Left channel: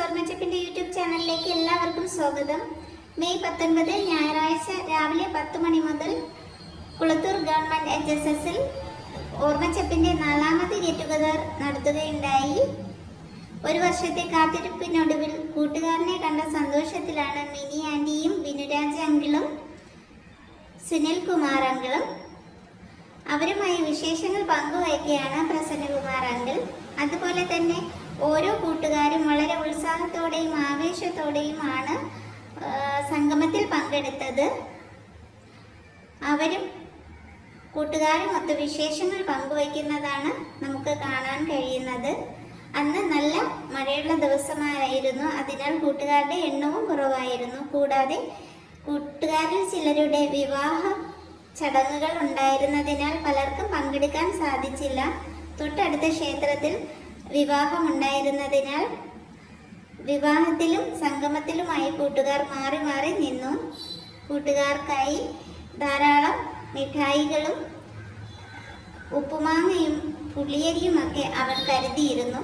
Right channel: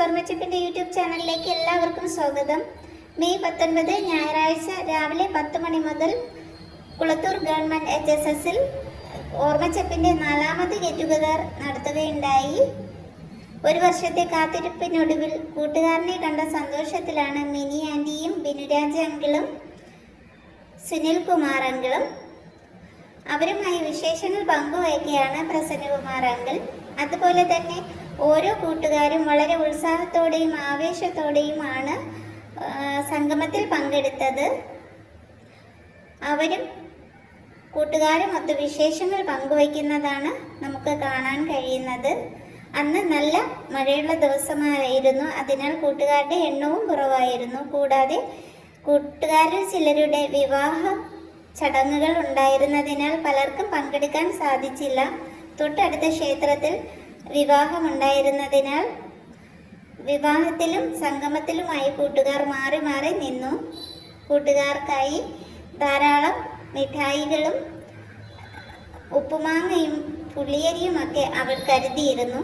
സ്വർണ്ണച്ചപ്പിന്റെ YouTube ചാനലിലേക്ക് എല്ലാവർക്കും സ്വാഗതം. മെയ് 19 ഞായറാഴ്ച രാവിലെ 10 മണി മുതൽ കുളത്തൂർ ഗവൺമെന്റ് HSSൽ ഓർമ്മച്ചപ്പിന്റെ 4ാമത് ഗെറ്റ് ടുഗദർ നടത്തുകയുണ്ടായി. ഒരു വർഷത്തെ കാത്തിരിപ്പിനൊടുവിൽ കൂട്ടുകാരനെ കണ്ട സന്തോഷത്തിലാണ് മിനി ആന്റിയും ബിനുരാജ് അങ്കിളും സുനിൽ കുമാർ അങ്കിളും. അവരുമായി വിശേഷങ്ങൾ പങ്കുവയ്ക്കുകയാണ് പ്രസന്നകുമാർ അങ്കിൾ. അതുപോലെ തന്നെ ഓരോ കൂട്ടുകാരും വളരെ ഉത്സാഹത്തോടെയും ആവേശത്തോടെയുമാണ് സംഗമത്തിൽ പങ്കെടുത്തത്. അവരും കൂട്ടുകാരുമൊത്ത് വിശേഷങ്ങൾ പങ്കുവയ്ക്കുന്നതാണ് നമുക്ക് കാണാൻ കഴിയുന്നത്. അന്ന് നല്ല മഴയുള്ള ദിവസമായിരുന്നു, അതിനാൽ കൂട്ടുകാരുടെ എണ്ണവും കുറവായിരുന്നു. കൂടാതെ കൂട്ടുകാരിൽ ചിലരുടെ വിവാഹ ചടങ്ങുകൾ ഉണ്ടായിരുന്നതിനാൽ പലർക്കും പങ്കെടുക്കാൻ സാധിച്ചില്ല. തൊട്ടടുത്ത ക്ഷേത്രത്തിൽ വിവാഹമുണ്ടായിരുന്നതിനാൽ വിവാഹത്തിലും സംഗമത്തിലുമായി കൂട്ടുകാർ മാറി മാറി നിന്നു. കൂട്ടുകാർക്കായി ധാരാളം മിഠായികളും ഉപ്പുമാങ്ങയും പുളിയരിയും ഒക്കെ അവർ കരുതിയിരുന്നു.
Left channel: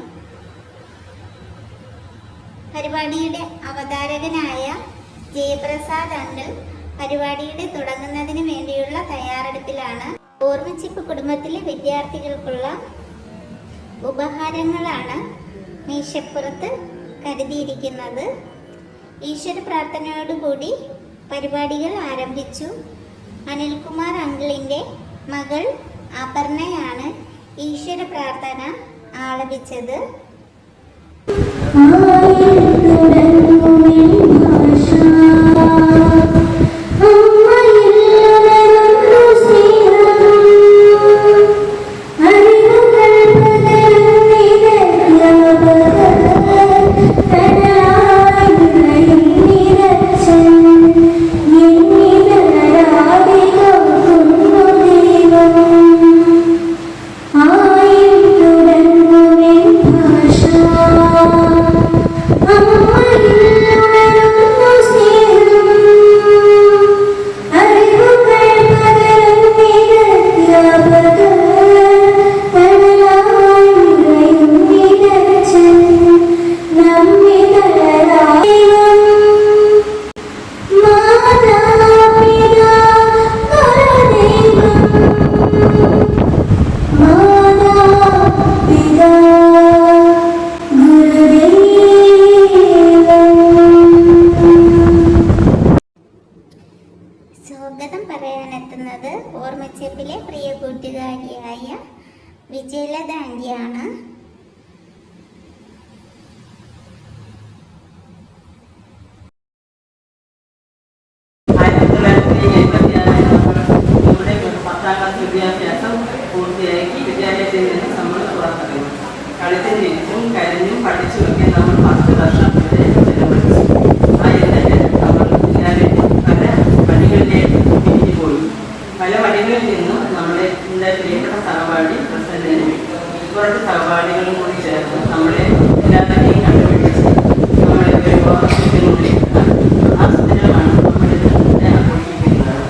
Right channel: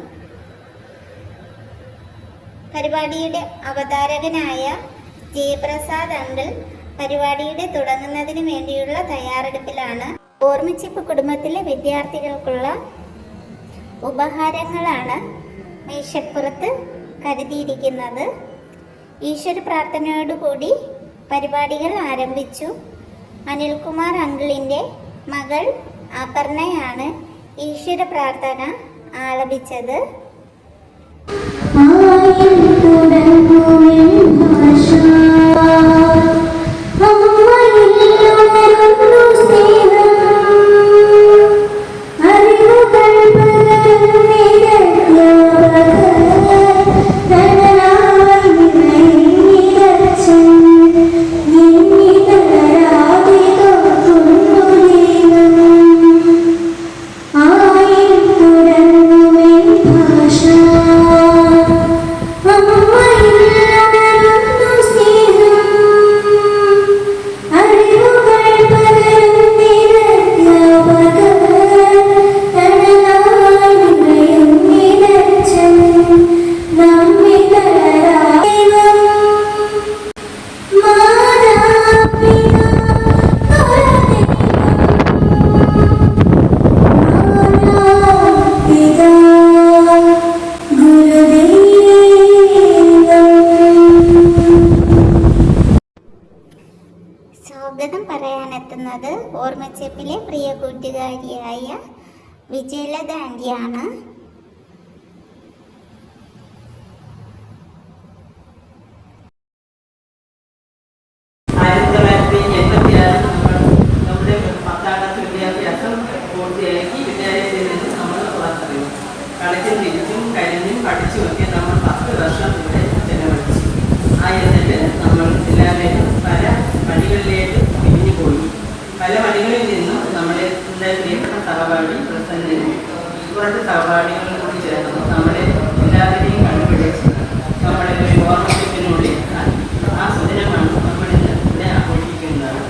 പരിപാടിയുടെ അവതാരകനായ ജയപ്രസാദ് അങ്കിൾ പരിപാടിയുടെ തുടങ്ങുന്നതിന് വേണ്ടിയുള്ള തയ്യാറെടുപ്പിലാണ്. ഓർമ്മച്ചപ്പ് കുടുംബത്തിലെ വിദ്യാർത്ഥികൾക്കുള്ള ഉപഹാരങ്ങളാണ് മേശപ്പുറത്ത് കരുതിയിരിക്കുന്നത്. ഈശ്വര പ്രാർത്ഥനയോടുകൂടി പരിപാടികൾ ആരംഭിച്ചു. അനിൽകുമാർ അങ്കിളിൻ്റെ മകൾ അപർണയാണ് ഈശ്വര പ്രാർത്ഥന ആലപിച്ചത്. സ്വാഗതം പറയാനെത്തുന്നത് ഓർമ്മച്ചപ്പിലെ പ്രിയ കൂട്ടുകാരിയായ വിജയലത ആന്റിയാണ്. വിദ്യാഭ്യാസം പൂർത്തിയാക്കി വിദ്യാലയത്തിൽ നിന്ന് നമ്മൾ പുറത്തിറങ്ങി. കളിച്ചും ചിരിച്ചും കരഞ്ഞും പഠിച്ചുമൊക്കെ നമ്മൾ 10 വർഷം ഇവിടെ ചെലവഴിച്ചു. ആ എന്നതിൽ നമ്മൾ വിദ്യാലയത്തിൽ പല പണികളിലേക്ക് തിരിഞ്ഞു പോയി. പല പണികളിൽ നിന്നും നമ്മുടെ പ്രിയപ്പെട്ട സഹപാഠി പ്രസന്നനും കുറച്ച് സഹപാഠികളും കൂടി ചേർന്ന് നമ്മളെ എല്ലാവരെയും കണ്ടുപിടിച്ച് നമ്മളെ ഒരു ഓർമ്മയ്ക്കുള്ളിൽ ആ സുദിനമാണ് നമ്മളിന്ന് ആഘോഷിക്കുന്നത്.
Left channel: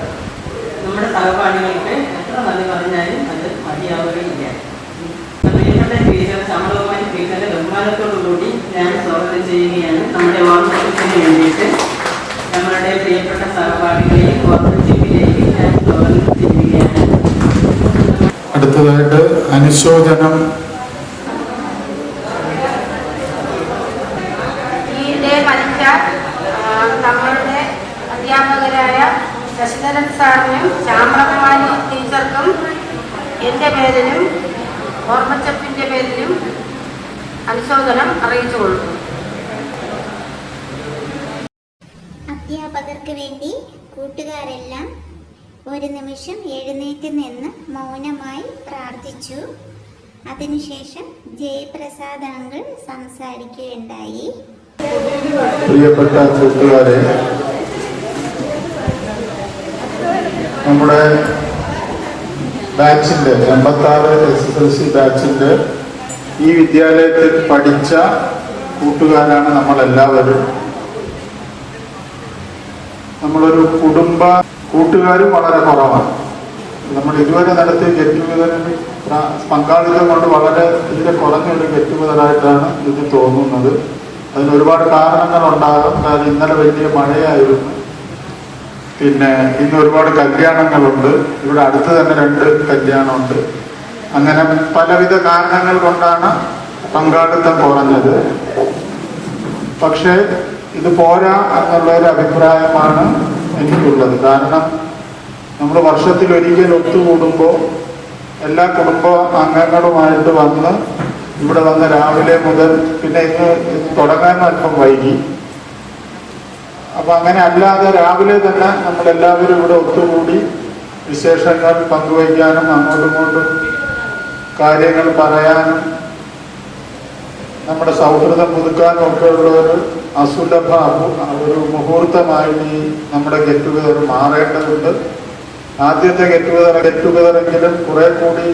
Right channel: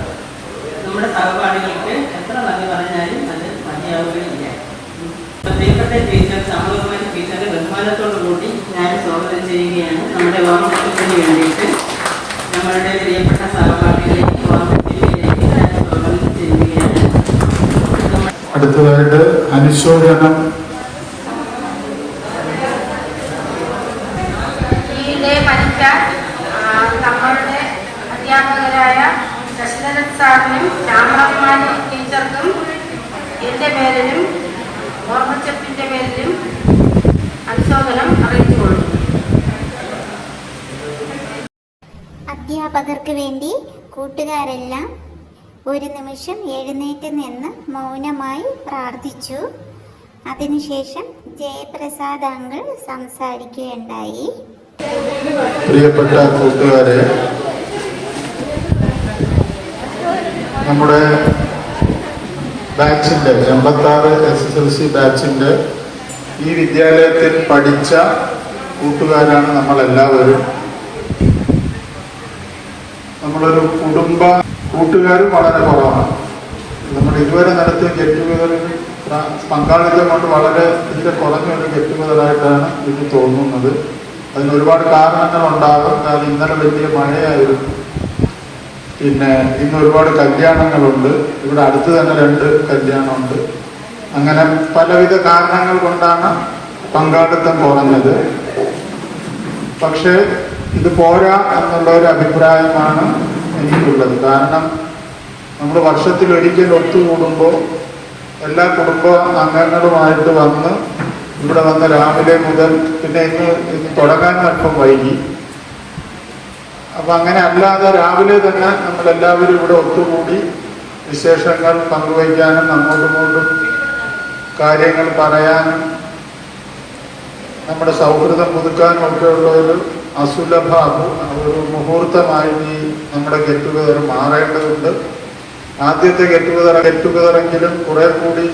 നമ്മുടെ സഹപാഠികൾക്ക് എത്ര നന്ദി പറഞ്ഞാലും അത് മതിയാവുകയില്ല. പ്രിയപ്പെട്ട ടീച്ചർ സമൂഹമായിട്ട് ടീച്ചറുടെ ബഹുമാനത്തോടു കൂടി ഞാൻ സ്വാഗതം ചെയ്യുകയാണ്. നമ്മുടെ ഓർമ്മത്തിന് വേണ്ടിയിട്ട് നമ്മളുടെ പ്രിയപ്പെട്ട സഹപാഠികളെയും ഓർമ്മച്ചിപ്പിലേക്ക് ഞാൻ സ്വാഗതം ചെയ്യുകയാണ്. അടുത്തതായിട്ട് അനുശോചനം. നമ്മളുടെ അധ്യാപകരായ ശശിധരൻ സാറിനും ശ്യാമകുമാരി ടീച്ചർക്കും എൻ്റെ പേരിലും ഓർമ്മച്ചപ്പിൻ്റെ പേരിലും അനുശോചനം അറിയിച്ചുകൊള്ളുന്നു. അധ്യാപകർക്ക് വേണ്ടി കൂട്ടുകാരെല്ലാം ഒരു നിമിഷം എഴുന്നേറ്റ് നിന്ന് മൗനമായി പ്രാർത്ഥിച്ചു. അതിനുശേഷം ജയപ്രസാദ് അങ്കിൾ സംസാരിക്കുകയുണ്ടായി. പ്രിയപ്പെട്ട കൂട്ടുകാരെ, നമ്മുടെ ബാച്ചിൻ്റെ 86 SSLC ബാച്ചിൻ്റെ ഈ വിദ്യാലയത്തിൽ പഠിച്ച കൂട്ടുകാരാണ് നമ്മളെല്ലാവരും. നമ്മളൊരു കുടുംബ കൂട്ടുകാരും വളരെ കുറവാണ്. നമ്മൾ ഇതുവരെ നടത്തിയ ഗെറ്റ് ടുഗദറിൽ പങ്കാളിത്തം കൊണ്ട് വളരെ ഇതിൽ കുറഞ്ഞൊരു ഗെറ്റ് ടുഗദറായിട്ടാണ് ഇത് തോന്നുന്നത്. അതിന് ഒരുപാട് കാരണങ്ങളുണ്ടാകും. കാരണം ഇന്നലെ വലിയ മഴയായിരുന്നു. പിന്നെ ഇന്ന് ഒരുപാട് കല്യാണങ്ങളുണ്ട്. ഇവിടെ അടുത്ത് തന്നെ 2 കല്യാണമുണ്ട്. അങ്ങനെ പലവിധ കാരണങ്ങൾ കൊണ്ടാണ് പങ്കാളിത്തം കുറഞ്ഞത്. പക്ഷേ ഇത് പോരാ എന്നുള്ള ഒരു അഭിപ്രായമാണ് എനിക്കുള്ളത്. കാരണം നമ്മൾ വർഷത്തിലൊരിക്കൽ ഒത്തുകൂടുമ്പോൾ എല്ലാ കുടുംബ അംഗങ്ങളുമായിട്ട് വന്ന് ഇവിടെ വന്ന് രാവിലെ മുതൽ പിന്നെ ഇന്ന് തുടങ്ങാനും അല്പം വൈകി. അപ്പം അങ്ങനെ അല്ലാതെ രാവിലെ തന്നെ നമ്മളെല്ലാവരും ഇവിടെ ഒത്തുകൂടി വിശേഷങ്ങൾ പങ്കുവയ്ക്കാനും അങ്ങോട്ടും കാര്യങ്ങൾ പറയാനും നമ്മുടെ സൗഹൃദം പുതുക്കാനും ഒക്കെ ഉള്ള ഒരു അസുലഭ ഒരു മുഹൂർത്തമായിട്ട് ഈ നമ്മുടെ ഗെറ്റ് ടുഗദർ മാറേണ്ടതുണ്ട്. ആദ്യത്തെ ഗെറ്റ് ടുഗദറെങ്കിലും കുറെ കൂടി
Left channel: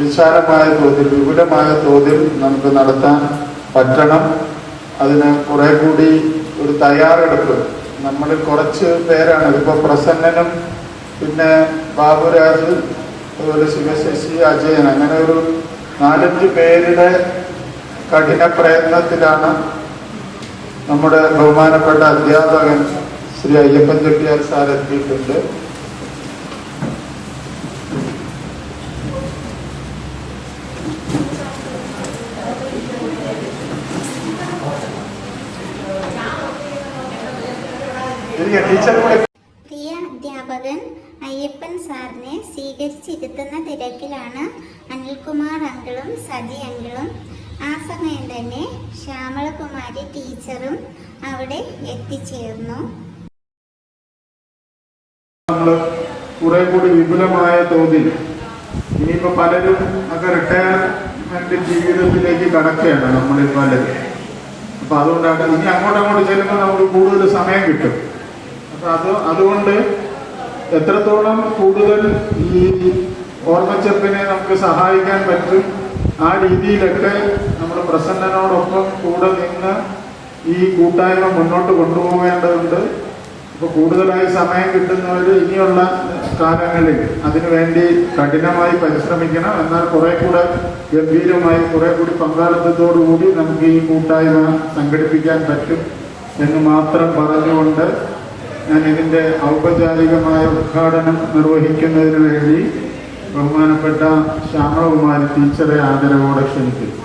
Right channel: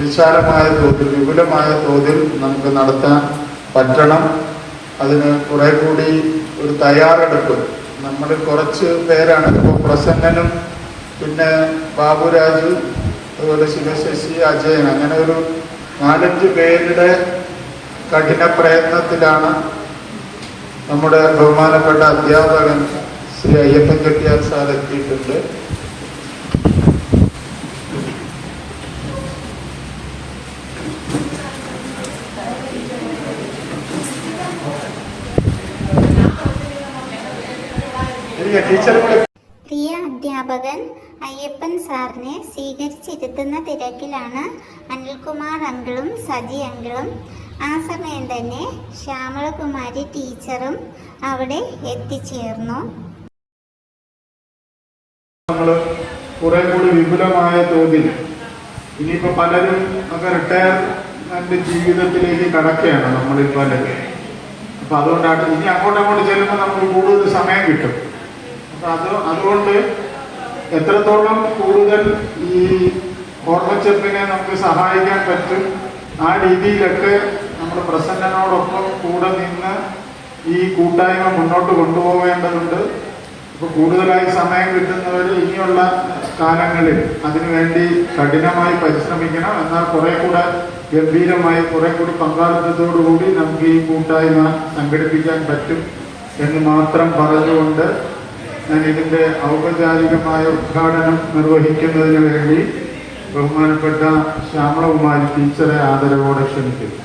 വിശാലമായ തോതിൽ വിപുലമായ തോതിൽ നമുക്ക് നടത്താൻ പറ്റണം. അതിന് കുറെ കൂടി ഒരു തയ്യാറെടുപ്പ് നമ്മൾ കുറച്ച് പേരാണ്. ഇതിപ്പോൾ പ്രസന്നനും പിന്നെ ബാബുരാജ് അതുപോലെ ശിവശശി അജയൻ അങ്ങനെ ഒരു 4-5 പേരുടെ കഠിന പ്രയത്നത്തിലാണ് നമ്മുടെ ബഹുമാനപ്പെട്ട അധ്യാപകൻ ശ്രീ അയ്യപ്പൻ ചെട്ടിയാർ സാർ എത്തിയിട്ടുണ്ട്. പ്രിയ അധ്യാപകൻ അയ്യപ്പൻ സാറിനെ സ്വീകരിച്ചിരുത്തുന്ന തിരക്കിലാണ് അനിൽകുമാർ അങ്കിളും സജി അങ്കിളും. ആ സമയം തന്നെ ശ്യാമളകുമാരി ടീച്ചറും അവിടെ എത്തിച്ചേർന്നു. നമ്മള് കുറെ കൂടി വിപുലമായ തോതിൽ ഇനിയിപ്പോ പലരും ഒക്കെ റിട്ടയർമെന്റ് ജീവിതത്തിലേക്ക് കടക്കുകയാണ് നമ്മളിൽ പലരും. അപ്പൊ അതുകൊണ്ടാണ് ഇനി അങ്ങോട്ട് ചെല്ലുമ്പോൾ നമുക്ക് കൂടുതൽ സമയം കിട്ടും. അപ്പൊ അതുകൊണ്ട് എത്രത്തോളം കൂടുതൽ ഈ ഓർമ്മച്ചെപ്പിനെ നമുക്ക് സഹായിക്കാൻ പറ്റും ആ രീതിയിലൊക്കെ നമ്മൾ പ്രസന്നനോടൊപ്പം കൂടെ നിന്ന് ഈ കൂട്ടായ്മ മുന്നോട്ട് കൊണ്ടുപോകേണ്ടതുണ്ട്. ഇപ്പൊ കൂടുതലായി സമയം കിട്ടുന്നവർ ഇനിയുള്ള കാലങ്ങളിൽ അതിനുവേണ്ടി കഠിനമായി പരിശ്രമിക്കണം. എന്നാൽ കുറെ കൂടെ ഗംഭീരമായി കുറെ കൂടി പങ്കാളിത്തത്തോടുകൂടി നമുക്ക് ഈ കൂട്ടായ്മ സംഘടിപ്പിക്കാൻ പറ്റും എന്ന് മാത്രം പറഞ്ഞുകൊണ്ട് ഞാൻ ഇതിന്റെ ഔപചാരികമായ ഉദ്ഘാടനം നിർവഹിക്കുന്നതിന് വേണ്ടി ബഹുമാനപ്പെട്ട ശ്യാമളകുമാരി ടീച്ചറെ ആദരവോടെ ക്ഷണിക്കുന്നു.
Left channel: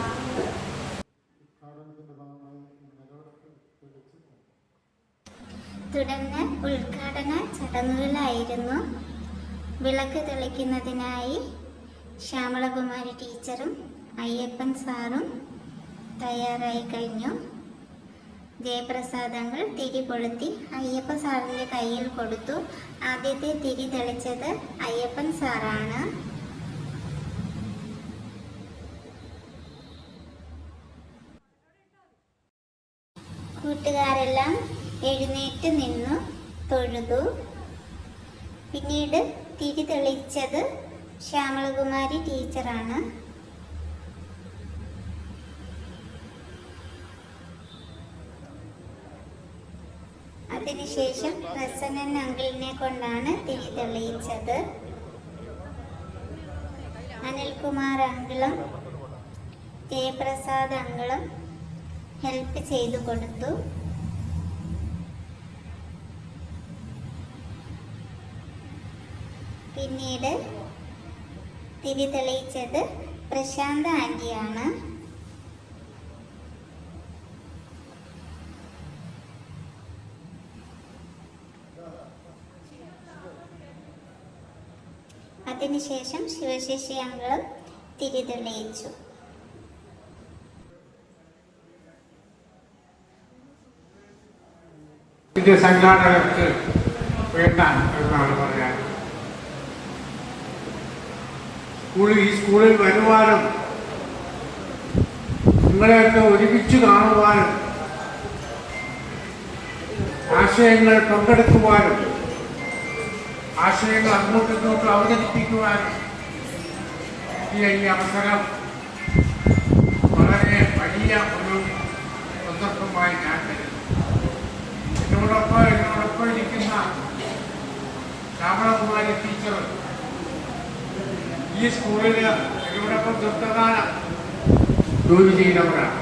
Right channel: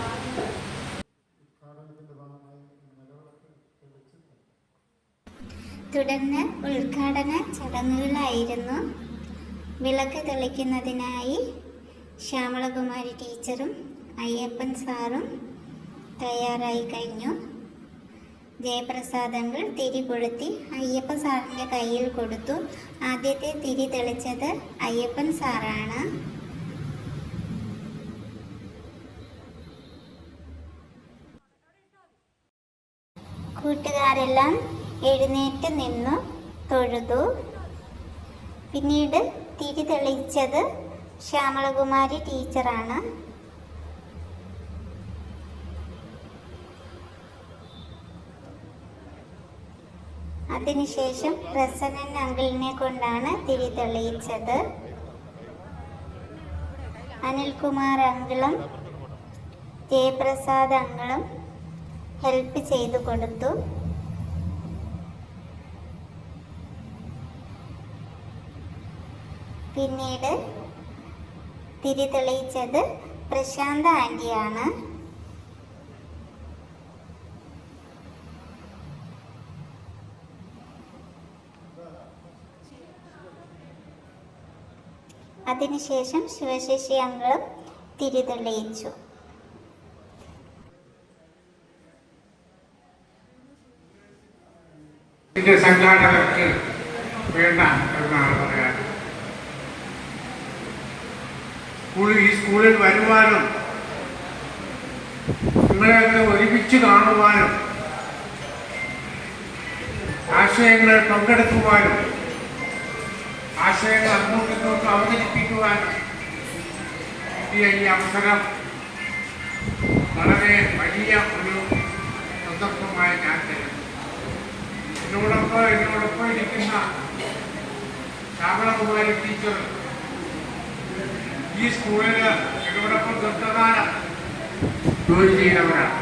തുടർന്ന് ഉദ്ഘാടന ചടങ്ങുകളായിരുന്നു. വിളക്ക് തെളിക്കുന്നതിനായി ശ്യാമളകുമാരി ടീച്ചറും അയ്യപ്പൻ സാറും തയ്യാറായി കഴിഞ്ഞു. ജയപ്രസാദങ്ങൾ തിരി കൊളുത്തി അയ്യപ്പൻ സാറിൻ്റെ കയ്യിൽ കൊടുത്തു. ആദ്യത്തെ തിരി തെളിച്ചത് അയ്യപ്പൻ സാറാണ്. കൂട്ടുകാരെല്ലാം എഴുന്നേറ്റ് നിന്നു തൊഴുതു. പിന്നീട് തിരി തെളിച്ചത് ശ്യാമളകുമാരി ടീച്ചറാണ്. അതിനുശേഷം പ്രസന്നൻ അങ്കിളിനെ കൊണ്ടാണ് തിരി തെളിയിച്ചത്. അനിൽകുമാർ അങ്കിളും ജയപ്രസാദ് അങ്കിളും ഹെൽപ്പ് ചെയ്തു കൊടുത്തു. പിന്നീട് തിരി തെളിയിച്ചത് പ്രശാന്ത ആന്റിയാണ്. അതിനുശേഷം ശിവശശി അങ്കിളും തിരി തെളിയിച്ചു. ഇതിന്റെ സംഘാടകർക്ക് വേണ്ട എന്നാണ് പറയാൻ. ഈ സ്കൂളിൽ വരുവാനും നിങ്ങളെയൊക്കെ ഒരുമിച്ച് കാണുവാനും ആശയങ്ങൾ പങ്കെടുക്കുവാനും ആശയങ്ങൾ അങ്ങോട്ടും അവതരിപ്പിക്കുവാനും ഈ അവസരം വളരെ വലിയ ഒരു സന്ദർഭമായി ഞാൻ തരുന്നു. എന്നോടൊപ്പം ഇരിക്കുന്ന ശ്യാമളകുമാരി ടീച്ചർ ഈ സ്കൂളിൽ എന്നോടൊപ്പം ദീർഘകാലം ജോലി ചെയ്തവരാണ്.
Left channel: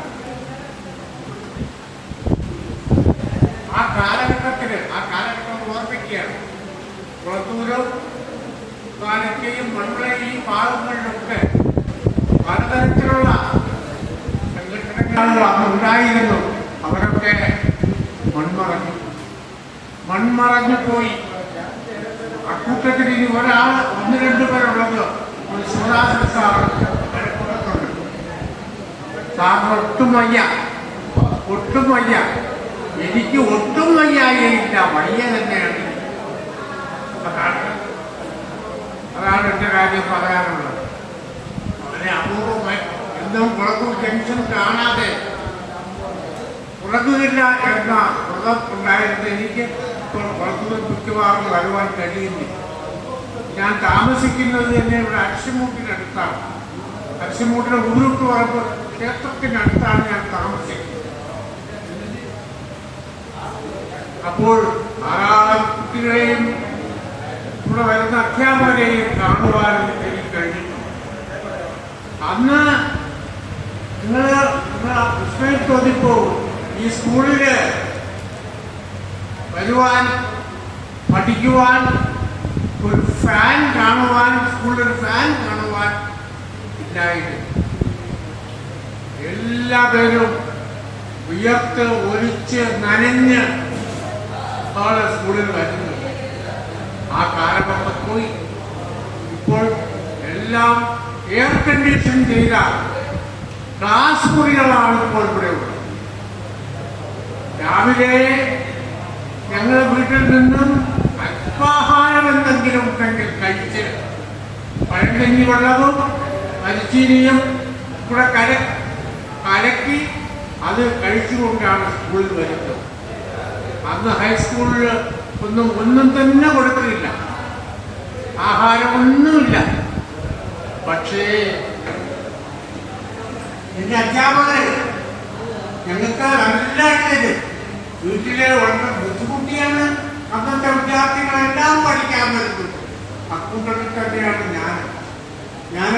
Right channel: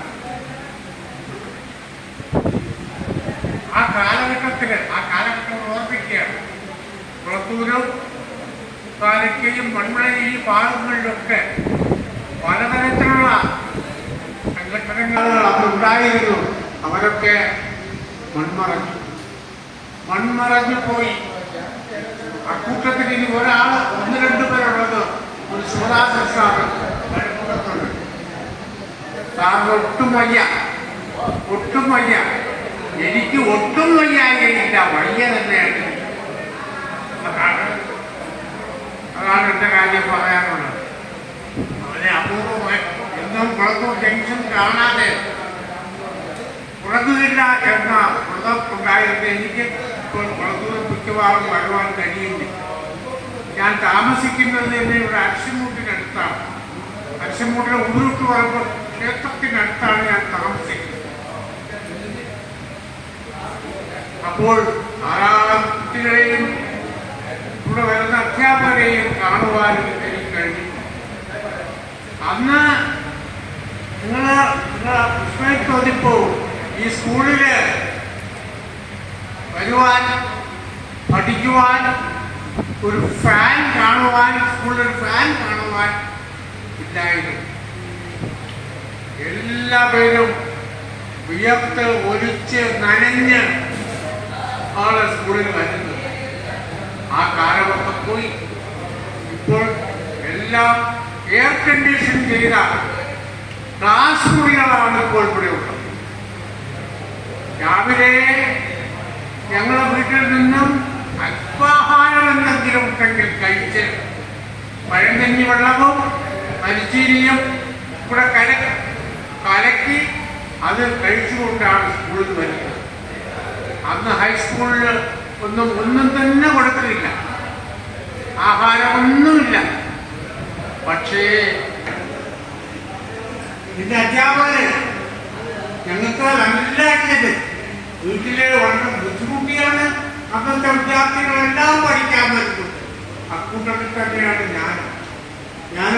കുളത്തൂരും താലൂക്കയും മൺവിള ഈ ഭാഗങ്ങളിലൊക്കെ പലതരത്തിലുള്ള സംഘടനകൾ ഉണ്ടായിരുന്നു. അവരൊക്കെ മൺമറഞ്ഞു പോയി. അക്കൂട്ടത്തിൽ ഇനി ഒരാൾ 1-2 പേരുള്ളത് ഒരു ശിവദാസൻ സാറിന് ഒട്ടും വയ്യ. എനിക്ക് ഒട്ടും വയ്യായില്ല, വയ്യ തന്നെയാണ്. അതാണ് എന്റെ കാര്യം പറയാനുള്ളത്. വളരെ അപൂർവമായി എന്നും കുളത്തൂർ ജംഗ്ഷൻ കാണാതെ ഉറങ്ങുന്നില്ല എന്ന ഉണ്ടായിരുന്നു. എനിക്ക് ഇപ്പോൾ കുളത്തൂർ മിക്കവാറും വരുവാൻ കഴിയില്ല. ഞാൻ താമസിക്കുന്നത് തന്നെ ഇവിടെ അരിശുമൂട്ടിനടുത്താണ്. അരിശുമൂട്ടിലെ ഉള്ളൂട്ട് പറമ്പ് ക്ഷേത്രത്തിനടുത്താണ് ഞാൻ താമസിക്കുന്നത്. അപ്പോൾ ധാരാളം കുട്ടികളെയും ഇവിടെ വരുന്ന അധ്യാപകരെയും കാണുവാൻ എനിക്ക് കഴിഞ്ഞിട്ടുണ്ട്. അന്ന് നിങ്ങൾ വിസ്മയിച്ചോദിപ്പോ ഈ സ്കൂളില് വരുവാൻ പഠിക്കുവാൻ ഒരു ഫാൻ കാണുവാൻ, സ്കൂളിൽ ഫാൻ കാണുവാൻ ഇല്ലായിരുന്നു. എല്ലാവരും വിയർത്ത് ഒലിച്ച് നനഞ്ഞ് ആണ് സ്കൂളിൽ വരുന്നത്. ആ കാലമൊക്കെ പോയി. ഇപ്പോൾ എല്ലാം എയർ കണ്ടീഷൻ ചെയ്ത ക്ലാസ് മുറികളാണ് ഇപ്പോൾ ഇവിടെ ഉള്ളത്. രാവിലെ ഞങ്ങളുടെ വീട്ടിൽ നിന്നും അല്പാഹാരം എന്തെങ്കിലും ഉണ്ടെങ്കിൽ കഴിച്ച് പഴങ്കഞ്ഞി വെള്ളവും അരിച്ചീനിയും ഇവിടെ കലക്കി അത് കഴിച്ചുകൊണ്ടാണ് സ്കൂളിൽ വരുന്നത്. അന്ന് ഹൈസ്കൂളിൽ ഒന്നും തന്നെ കൊടുക്കലില്ല, ആഹാരമൊന്നുമില്ല. പക്ഷേ ഇന്ന് അധ്യാപകര് ഞങ്ങൾക്ക് നല്ല അടിയത്. വീട്ടിലെ വളരെ ബുദ്ധിമുട്ടിയാണ് അന്നത്തെ വിദ്യാർത്ഥികളെല്ലാം പഠിക്കാൻ വരുന്നത്. അക്കൂട്ടത്തിൽ തന്നെയാണ് ഞാൻ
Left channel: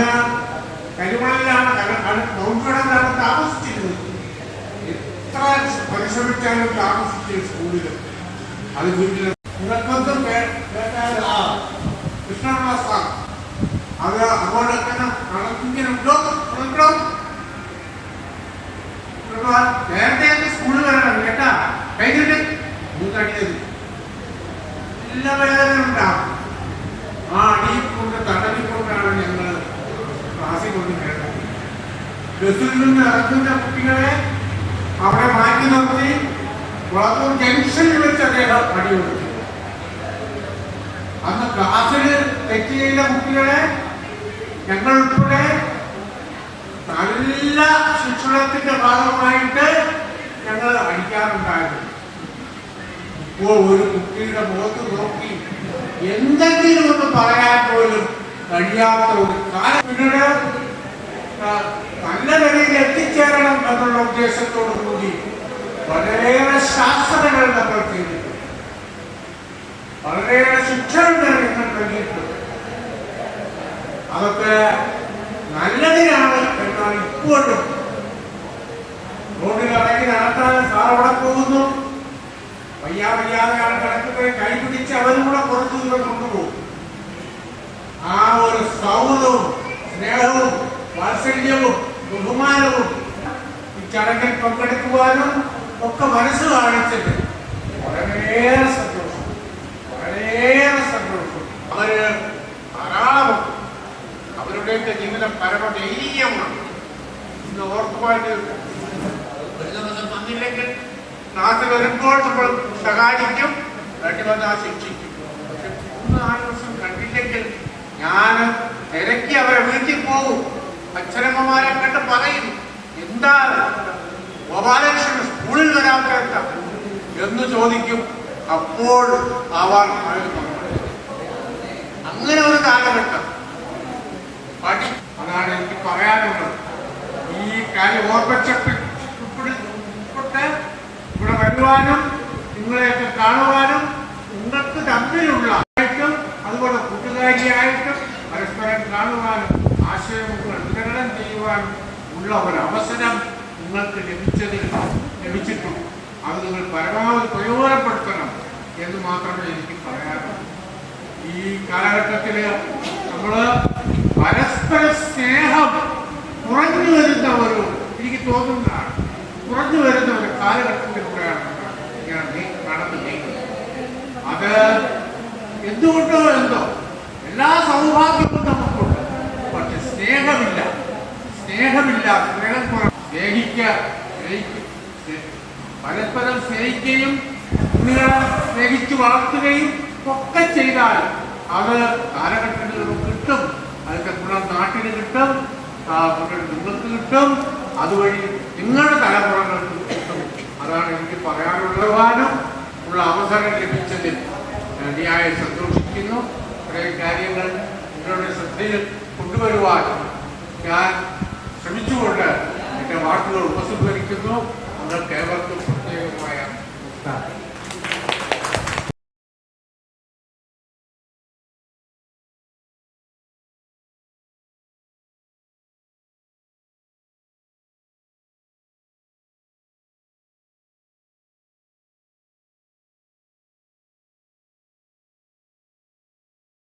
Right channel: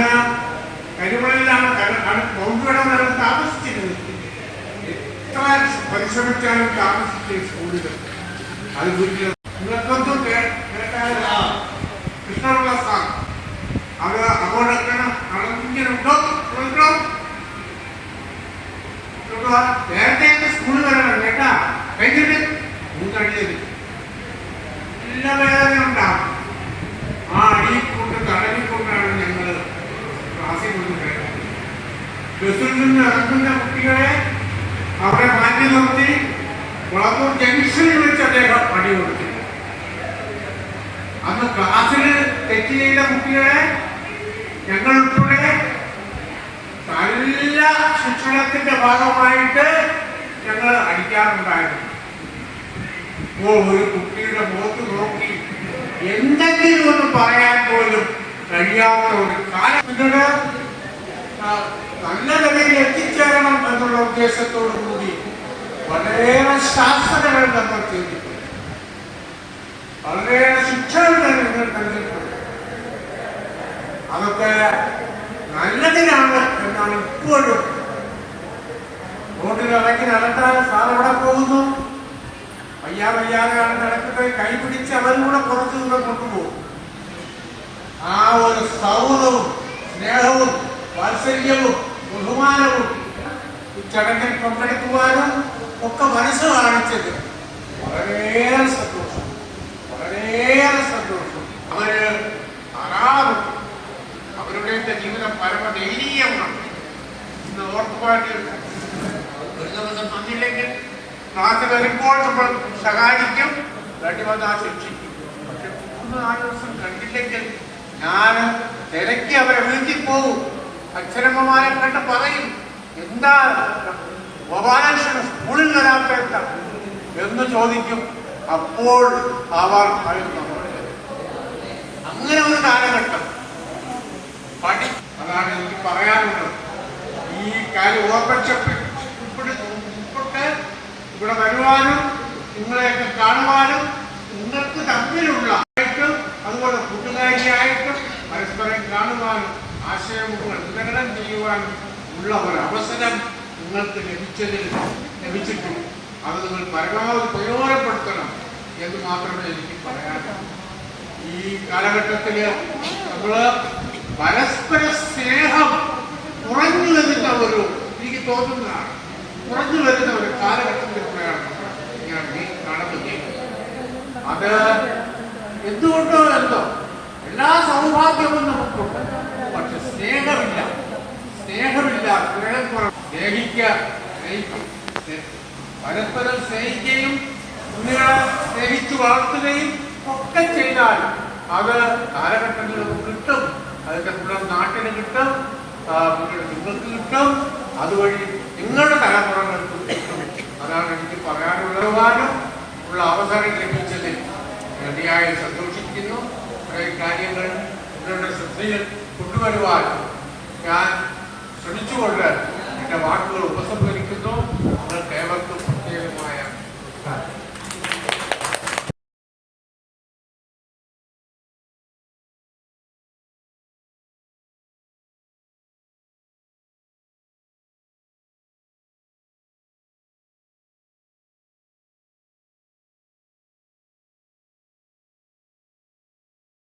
കരിമണലിലാണ് മൗണ്ടടം താമസിച്ചിരുന്നത്. എത്ര പരിശ്രമിച്ചാലും താമസിച്ച സ്കൂളിൽ അത് വീട്ടിൽ നിങ്ങൾക്കൊന്നും കൃഷ്ണപിള്ള സാർ അത് അങ്ങോട്ടൊക്കെ നേരത്തെ സ്കൂളിൽ വരണം കേട്ടാ. കഴിഞ്ഞിട്ട് കഴിയത് എല്ലാ വേദനയുണ്ടാവും. ആ അടിയിക്കൊണ്ട് തടവിക്കൊണ്ടാണ് ഞങ്ങൾ ക്ലാസ്സിൽ കൊണ്ടുവരുന്നത്. ബസ്സിൽ നിന്ന് ഇറങ്ങുന്ന കുട്ടികളെ അവരെ മാറ്റി നിർത്തി കുളത്തൂർ ജംഗ്ഷനിൽ വെച്ച് അദ്ദേഹം അടി കൊടുത്തു. അന്ന് ക്ലാസ്സിൽ തെറ്റ് ചെയ്ത കുട്ടികളെ ഞങ്ങൾ ഉൾപ്പെടെ നല്ല ശിക്ഷണത്തിന്റെ ഭാഗമായിട്ട് ഞങ്ങൾ അടിക്കാറുണ്ടായിരുന്നു. ഇപ്പോൾ ഒരു കുട്ടിയുടെ മുഖത്ത് നോക്കി എന്തെങ്കിലും ഒന്ന് പറയാൻ പോലും കഴിയാത്ത ഒരു കാലത്തിനോട് നല്ല നിലയിൽ എത്തിച്ചേരണം എന്നുള്ള ഉദ്ദേശത്തോടു കൂടി വളരെയേറെ ശാസ്ത്രങ്ങൾ നമ്മൾ ചെയ്തിട്ടുണ്ട്, വളരെയേറെ ശിക്ഷകൾ നിങ്ങൾ നൽകിയിട്ടുണ്ട്. അതൊക്കെ നല്ലതിനാണ് എന്നാണ് ഇപ്പോഴും. റോഡിൽ ഇറങ്ങി നടക്കാൻ സാർ അവിടെ പോകുന്നു, വയ്യാതെ ആൾ നടക്കുന്നത് കൈപിടിച്ച് അവരും കൂടെ കുറച്ചു ദൂരം കൊണ്ടുപോകും. ആ ഒരു സൗഹൃദവും സ്നേഹവും വാത്സല്യവും ബഹുമാനവും ഈ ചടങ്ങിൽ പങ്കെടുക്കുവാനും ഒക്കെ മനസ്സ് കാണിച്ചത് വളരെയേറെ സന്തോഷം, വളരെയേറെ സന്തോഷം. അവര് ധാരാളം അവരുടെ ജീവിതം പരമദൈനീയമാണ്. ഇന്ന് ഓർക്കുവാൻ ഒരു ദിവസം വന്നില്ലെങ്കിൽ ക്ലാസ് വരുമ്പോൾ നമ്മൾ സഹായിക്കും, വേണ്ടിവന്ന് ആ ശിക്ഷിക്കും. പക്ഷെ 3-4 ദിവസം കണ്ടില്ലെങ്കിൽ ഞാൻ തിരക്കി അവരെ വീട്ടിൽ പോകും. അച്ഛനമ്മമാരെ കണ്ട് പറയും, എന്താ ഗോപാലകൃഷ്ണൻ സ്കൂളിൽ വരാത്ത എന്താ എന്ന് ചോദിക്കും. അപ്പോൾ അവർ അങ്ങനെ ഒരു കാലഘട്ടം അതാണ് എനിക്ക് പറയാനുള്ളത്. ഈ കാര്യം ഓർമ്മച്ചപ്പെട്ട് ഇവിടെ വരുവാനും നിങ്ങളെയൊക്കെ കാണുവാനും നിങ്ങൾക്ക് തമ്മിലുള്ള അതുപോലെ കൂട്ടുകാരിയായിട്ടും പരസ്പരം കാണുവാനും ആശയങ്ങൾ വിതരണം ചെയ്യുവാനും ഉള്ള ഒരു അവസരം നിങ്ങൾക്ക് ലഭിച്ചിട്ടുണ്ട്. അത് നിങ്ങൾ പരമാവധി പ്രയോജനപ്പെടുത്തണം എന്ന് മാത്രമേ എനിക്ക് പറയാനുള്ളൂ. ഈ കാലഘട്ടത്തില് നമ്മള് പരസ്പര സ്നേഹം കുറഞ്ഞു വരുന്ന എനിക്ക് തോന്നുന്നതാണ്, കുറഞ്ഞു വരുന്ന ഒരു കാലഘട്ടത്തിലൂടെയാണ് ഞാൻ കടന്നു നീങ്ങുന്നത്. അത് എന്തുകൊണ്ടോ എന്തോ എല്ലാ സൗഭാഗ്യവും നമുക്കുണ്ട്, പക്ഷെ സ്നേഹമില്ല. സ്നേഹം പരസ്പരം സ്നേഹിക്കുകയും കുഞ്ഞുങ്ങളെ സ്നേഹിച്ചു വളർത്തുകയും ഒക്കെ ചെയ്താൽ അത് കാലഘട്ടങ്ങളിൽ കിട്ടും, അതിന്റെ ഗുണം നാട്ടിന് കിട്ടും, നിങ്ങൾക്ക് കിട്ടും, അതുവഴി നിങ്ങളുടെ തലമുറകൾക്ക് കിട്ടും. അതാണ് എനിക്ക് പറയാനുള്ളതുവാനും ഉള്ള അവസരം ലഭിച്ചതിൽ അതിയായി സന്തോഷിക്കുന്നു. കുറേ കാര്യങ്ങൾ നിങ്ങളുടെ ശ്രദ്ധയിൽ കൊണ്ടുവരുവാൻ ഞാൻ ശ്രമിച്ചുകൊണ്ട് എന്റെ വാക്കുകൾ ഉപസംഹരിക്കുന്നു. നിങ്ങൾക്ക് ഏവർക്കും